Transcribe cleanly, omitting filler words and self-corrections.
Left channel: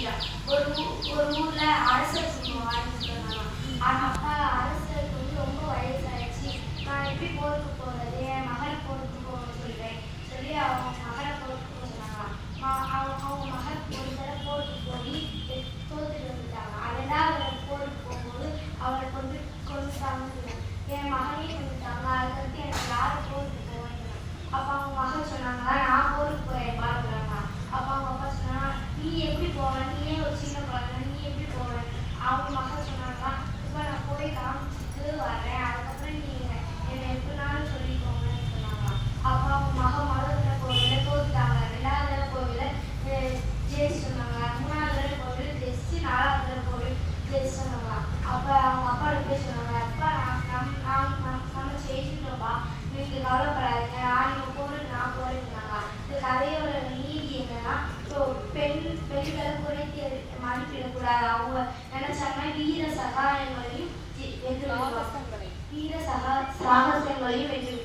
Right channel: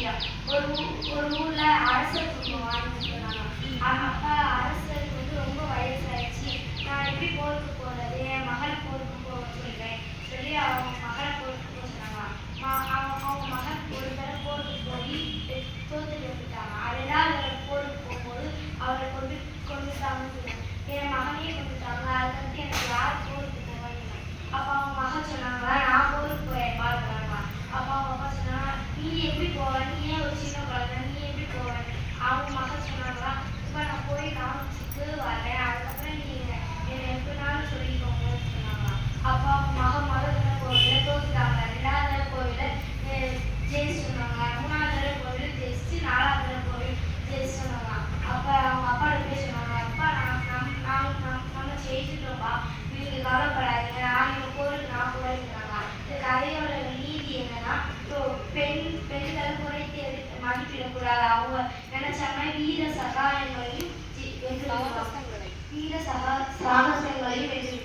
வீரா. ஒரு ஊர்ல அரசர் வாழ்ந்துட்டு இருந்தாங்க. அப்ப அரசருக்கு ரொம்ப வயசாயிடுச்சு. நான் எப்படி போருக்கு போறது, என் மகளை போருக்கு போக சொல்றேன் சொல்லி அவங்க மகளை போருக்கு போக சொன்னாங்களாம். அவங்க மகள் ஒரு தடவை போருக்கு போய் தோத்துட்டு வந்துட்டாங்க. ரெண்டாவது தடவை போருக்கு போகும்போது அவரை கொண்டுட்டாங்கன்னு சொன்னாங்க. என் மகனையே கொண்டுட்டாங்க. அதுக்கடுத்து எனக்கு யார் போருக்கு போவாங்க. அப்ப அவங்க மகள் சொன்னாங்க, நான் போருக்கு போய் பாருங்க. அப்ப அவங்க அப்பா சொன்னாங்க, நீ எப்படி போவ, நீ ஏன் ஒரு சின்ன குழந்தை, நீ எப்படி போவ. அவங்க மகள் சொன்னாங்களா, இப்ப நான் போய் காமிச்சிட்டு வரேன், அதுக்கப்புறம் நீ என்னை எப்படினாலும் சொல்லிக்கோங்கன்னு சொன்னாங்க. அப்ப அவங்க மறுதடவை கோவில தோத்துட்டாங்க. ரெண்டாவது கோவில ஜெயிச்சு சொன்னாங்க. மூணாவது கோவில் ஜெயிச்சு, நாலாவது கோவில் ஜெயிச்சு சொன்னாங்க. அப்ப அவங்க அப்பா போய் சொன்னாங்க, அப்பா நம்ம ஜெயிச்சுட்டோம்பா, நீங்க கவலைப்படாதீங்க, நீங்க போருக்கு நான் போயிருந்தாங்க. இந்த கதையோட நீதி என்னன்னா, பெண்களை குறைத்து மதிப்பிடக்கூடாது. அவங்க நினைச்சாங்கன்னா வீர சாகசங்களையும் வென்று